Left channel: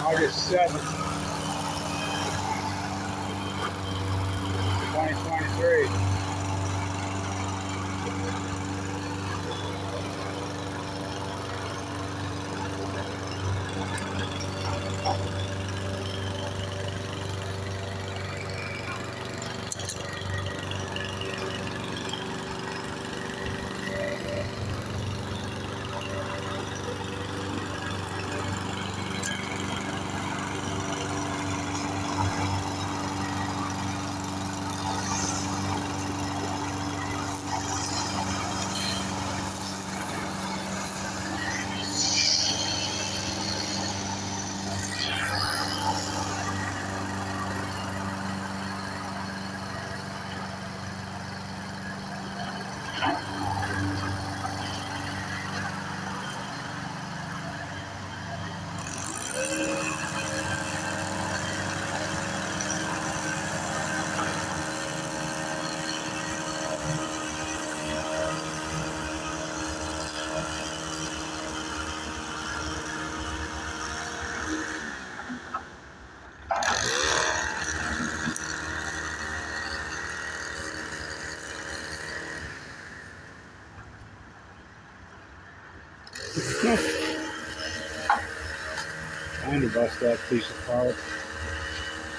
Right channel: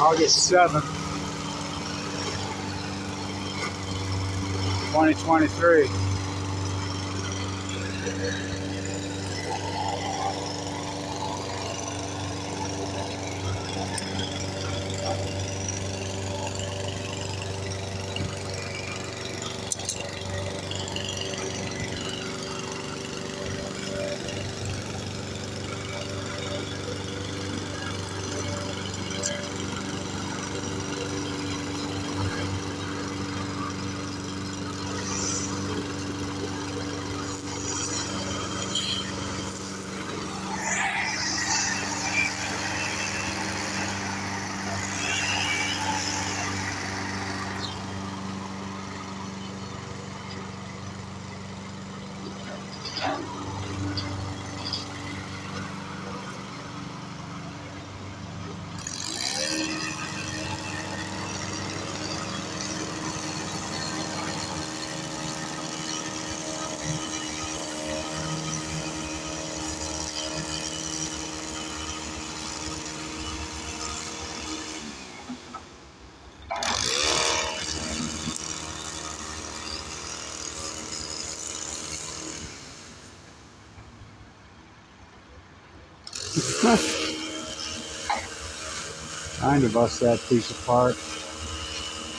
August 7th, 2023. Trying to bust that piece apart.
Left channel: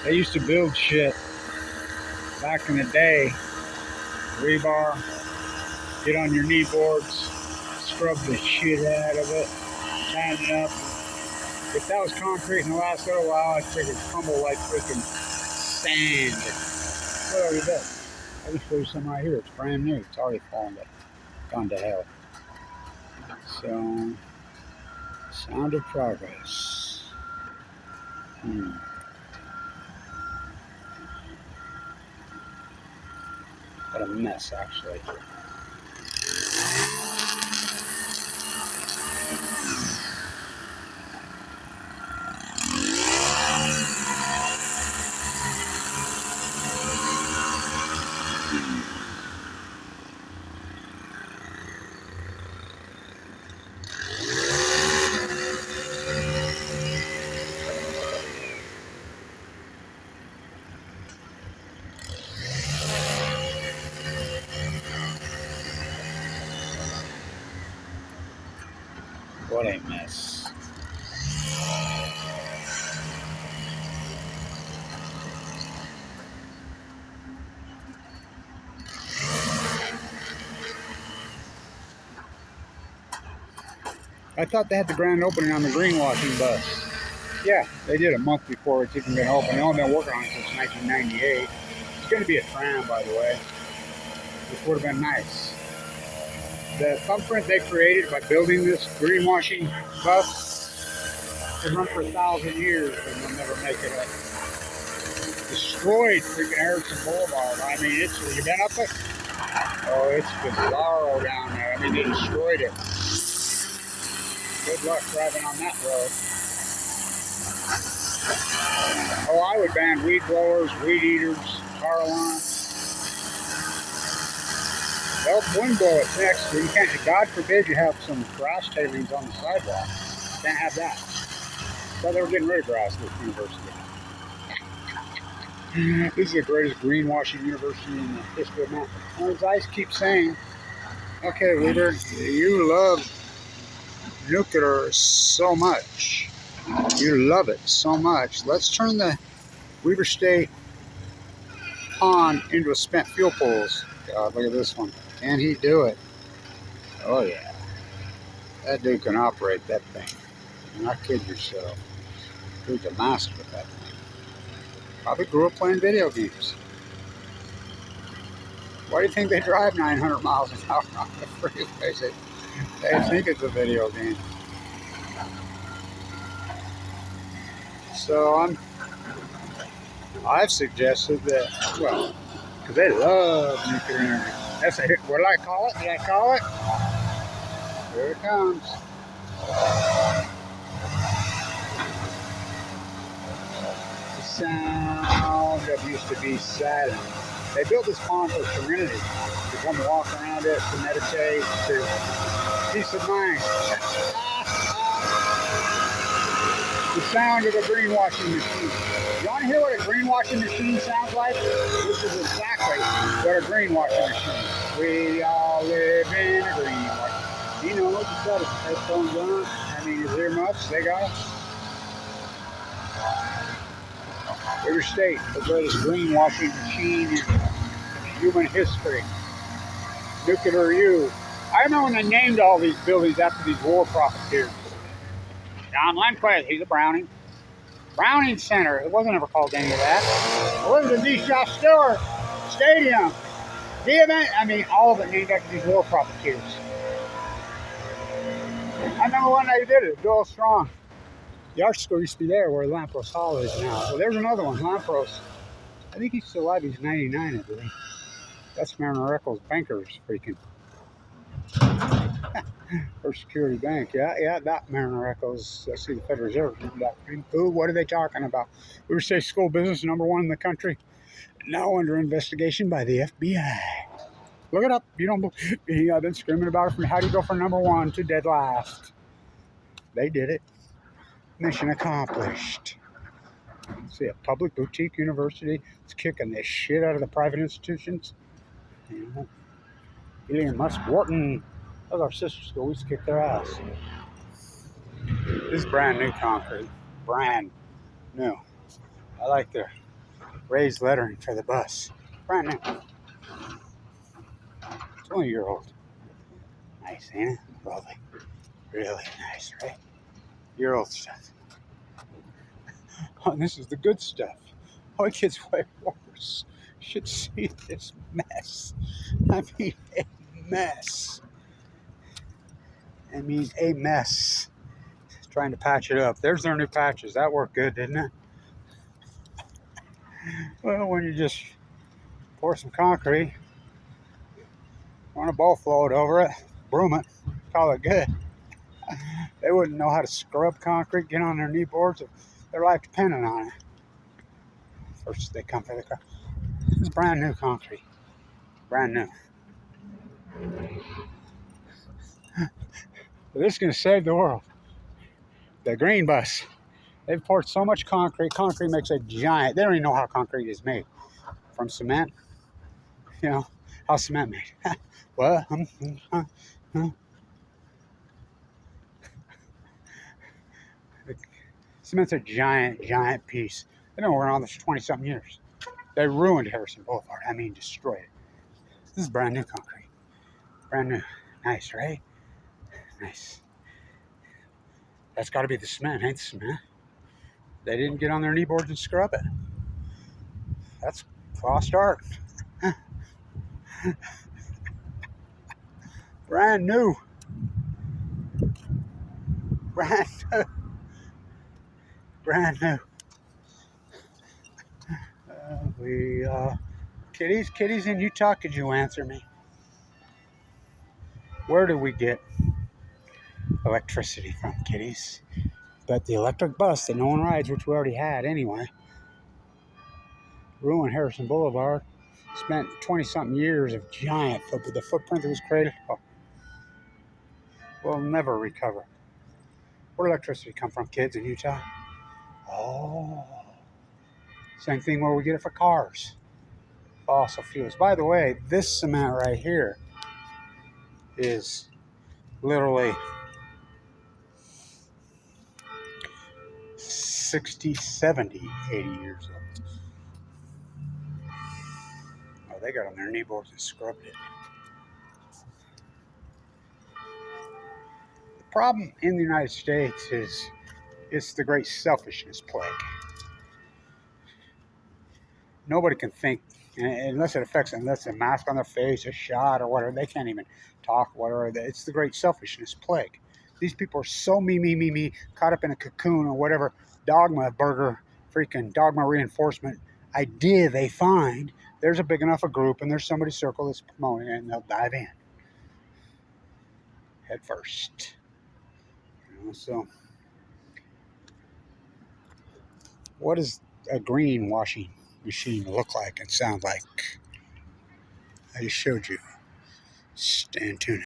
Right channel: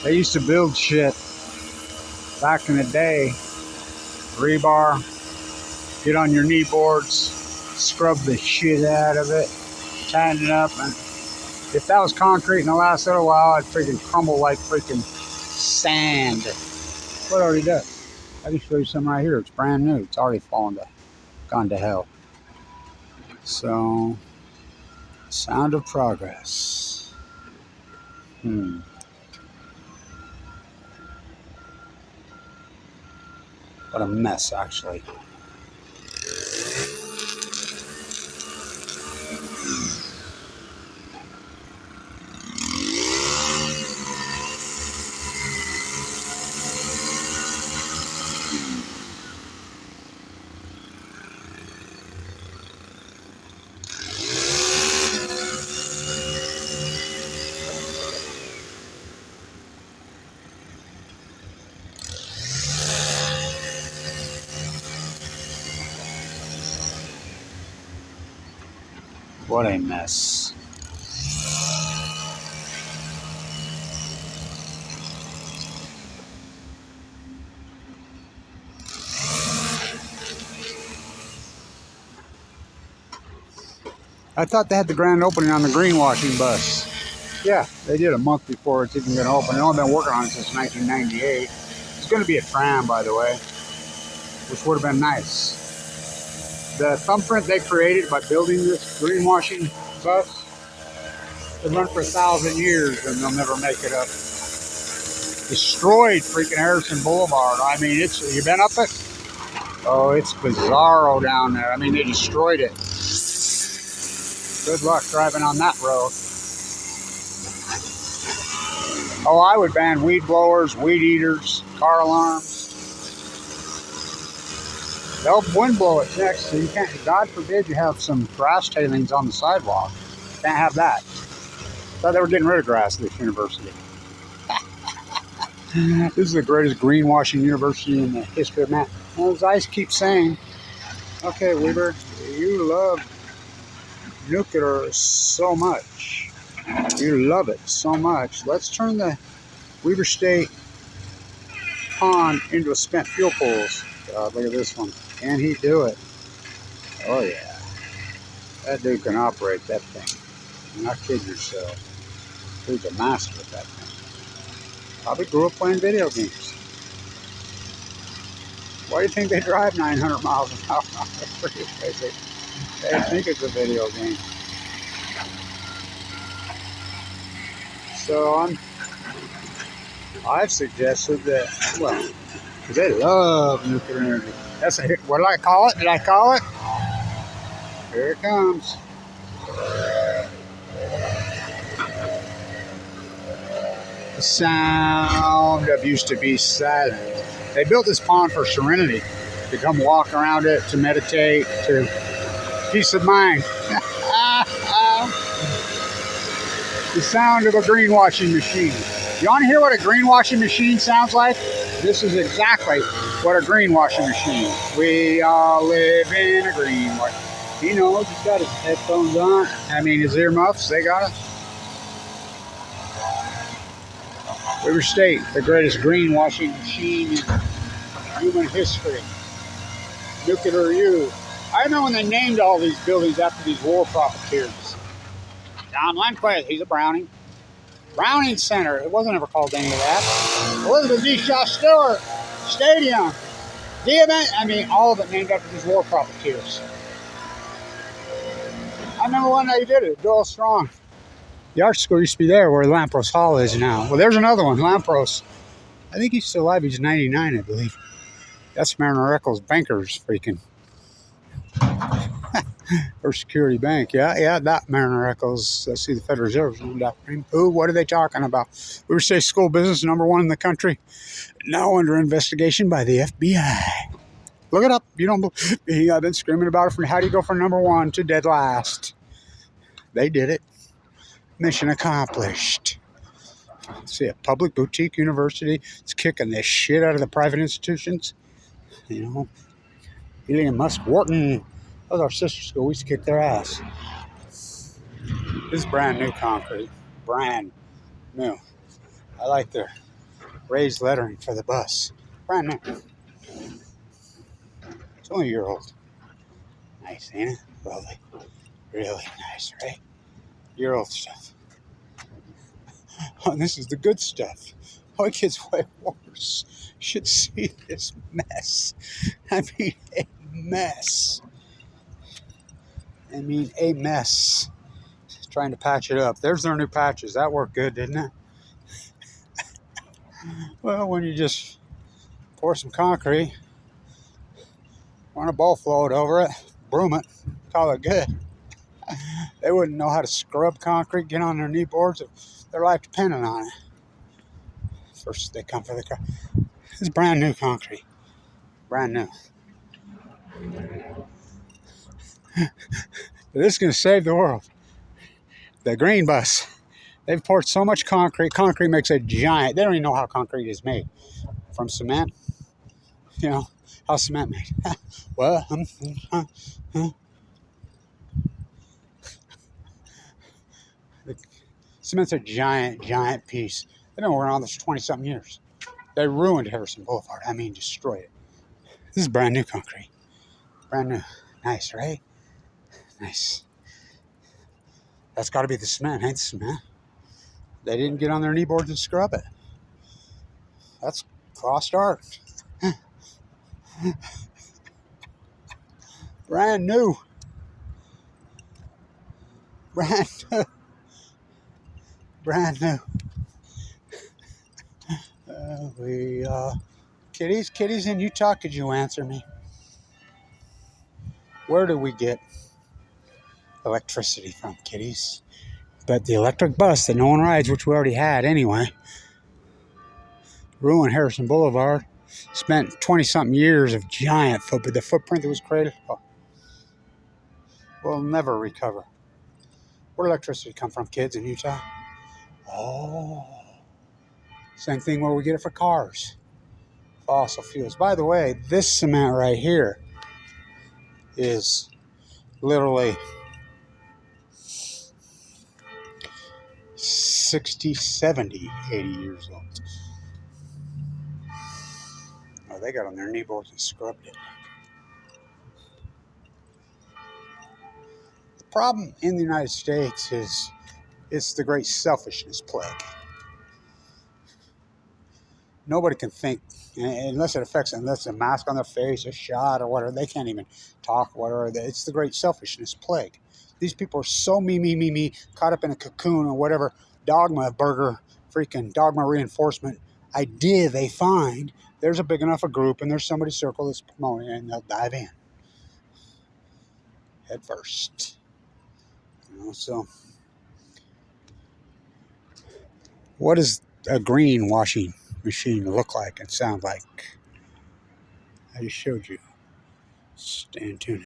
They used to build shit back in the day. Rebar, get on your knee boards, scrub the shit out of it, tighten it up, and if that was concrete in the last little while, I'd freaking crumble like freaking sand. What already does? I can show you some right here. It's brand new. It's already gone to hell. So, sound of progress. What a mess, actually. What a mess. I thought they had the grand opening on the greenwashing bus. Yeah, they did a month before it's even going to open. They've only been working on it since 1998. It's going to be a tram, by the way, which would have been nice. The thumbprint they created by building this greenwashing bus, it run for 1,000 years and they'll never make it up. Destroyed freaking Harrison Boulevard. I mean, you been up it? Oh, it's bizarro down there. I mean, they destroyed it. Good luck driving on that road. Oh, I would ban weed blowers, weed eaters, car alarms. They'll wind blow it next, so you can't, God forbid you have some grass tailings on the sidewalk. Can't have that. Thought they were getting rid of grass at this university. This is the greatest greenwashing university in the history of man. And as I keep saying, okay, Weber, you love nuclear so much. You love it so much. Let's turn the Weber State pond into a spent fuel pools. God, look at this one. Can he do it? Oh yeah. That dude can operate that thing. You're not kidding yourself. Dude's a master with that thing. Probably grew up playing video games. Why do you think they drive 900 miles an hour on the freeway? They think it's a video game. So I've suggested that, well, because they love nuclear energy. That's a hit. What did I call it? Did I call it? Here it comes. The sound of used to be silent. They built this pond for serenity, to come walk around it, to meditate, to peace of mind. The sound of a greenwashing machine. You want to hear what a greenwashing machine sounds like? This is exactly what a greenwashing machine is. We all live in a greenwash. He knows he's got his headphones on. I mean, his earmuffs, they got it. Weber State, the greatest greenwashing machine in human history. Nuclear U. I remember when they named all these buildings after these war profiteers. John Lundquist, he's a Browning. Browning Center, it wasn't ever called any of that. Elizabeth D. Shaw Stewart Stadium. I mean, all of it named after these war profiteers. I remember when they did it, Doyle Strong. The art school used to be there where Lampros Hall is now. Well, there's another one, Lampros. I think he's still alive. He's 99, I believe. That's Mariner Eccles Bankers freaking. First Security Bank, yeah, that Mariner Eccles. Let's see, the Federal Reserve. Who? What are they talking about? We say school business #1 in the country, now under investigation by the FBI. Look it up. You don't believe me? I've been screaming about it from how do you go from #1 to dead last. They did it. Mission accomplished. Let's see, a public boutique university. It's kicking the shit out of the private institutions. You know, Elon Musk, Wharton. That was our sister school. We used to kick their ass. This is brand new concrete. Brand new. I like their raised lettering for the bus. Brand new. It's only a year old. Nice, eh? Lovely. Really nice, right? Year old stuff. Oh, this is the good stuff. Oh, it gets way worse. You should see this mess. I mean, a mess. A mess. Trying to patch it up. There's their new patches. That worked good, didn't it? Well, when you just pour some concrete, run a ball float over it, broom it, call it good. They wouldn't know how to scrub concrete, get on their knee boards if their life depended on it. First, they come for the car. This is brand new concrete. Brand new. This is going to save the world. The green bus. They've poured so much concrete. Concrete makes a giant. They don't even know how concrete is made. From cement. You know, how's cement made? Well, Cement's a giant piece. They've been working on this for 20-something years. They ruined Harrison Boulevard. I mean, destroyed it. This is brand new concrete. Brand new. Nice, right? Nice. That's got to be the cement, ain't the cement? They didn't get on their knee boards and scrub it. That's lost art. Brand new. Brand new. Brand new. Kitties in Utah, could you answer me? Where do we get electricity from, kitties? But the electric bus that no one rides, which we already had anyway, ruined Harrison Boulevard. Spent 20-something years of giant footprint. The footprint that was created will never recover. Where did electricity come from, kids in Utah? Oh, same thing where we get it for cars. Fossil fuels. By the way, this cement right here is literally 60, 70, 80 years old. Oh, they got on their knee boards and scrubbed it. The problem in the United States is it's the great selfishness plague. Nobody can think, unless it affects them, unless a mask on their face, a shot, or whatever. They can't even talk, whatever. It's the great selfishness plague. These people are so me, caught up in a cocoon or whatever dogma burger, freaking dogma reinforcement idea they find. There's a big enough a group and there's somebody circle that's promoting it and they'll dive in. Head first. You know, so what does a greenwashing machine look like and sound like? I just showed you. Stand tuned.